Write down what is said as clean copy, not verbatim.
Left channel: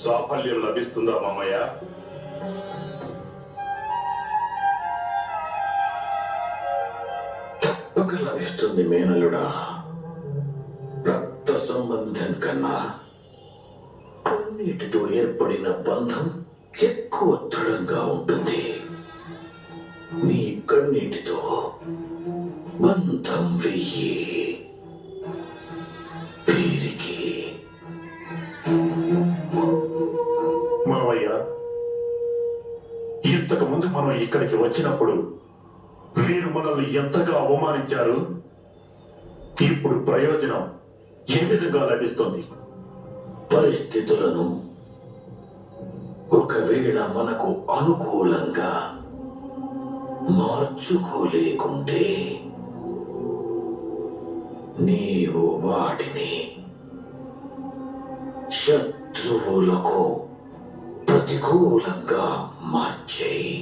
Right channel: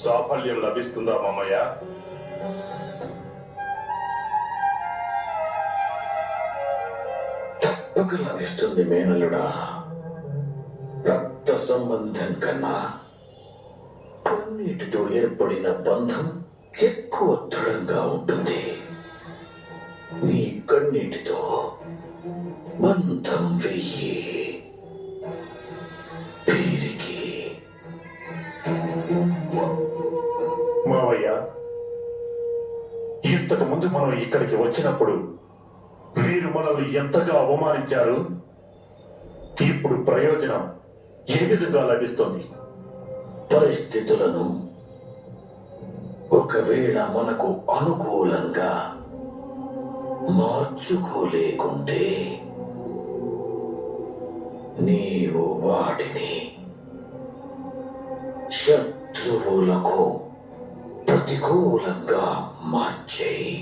సాఫల్యం లభిస్తుందా మామయ్య? తప్పక లభిస్తుంది మేనలుడా. రక్త సంబంధం కన్నా కన్నీటితో ఏర్పడిన బంధం ఎక్కువ దృఢంగా ఉంటుంది. నీ కన్నీటితో బంధం వెయ్యి. వీరికి మావయ్య, ఇంతకు ముందు మనం ఇక్కడికి వచ్చినప్పుడు వీరు మనల్ని ఎంతగా అవమానించారు. ఇప్పుడు ప్రయోజనం ఏ విధంగా లభిస్తుంది? పరిస్థితులను ఒకవేళ మనకు అనుకూలంగా మార్చుకోలేకుంటే నీవు వాటిని శత్రువులకు ప్రతికూలంగా మార్చేయి.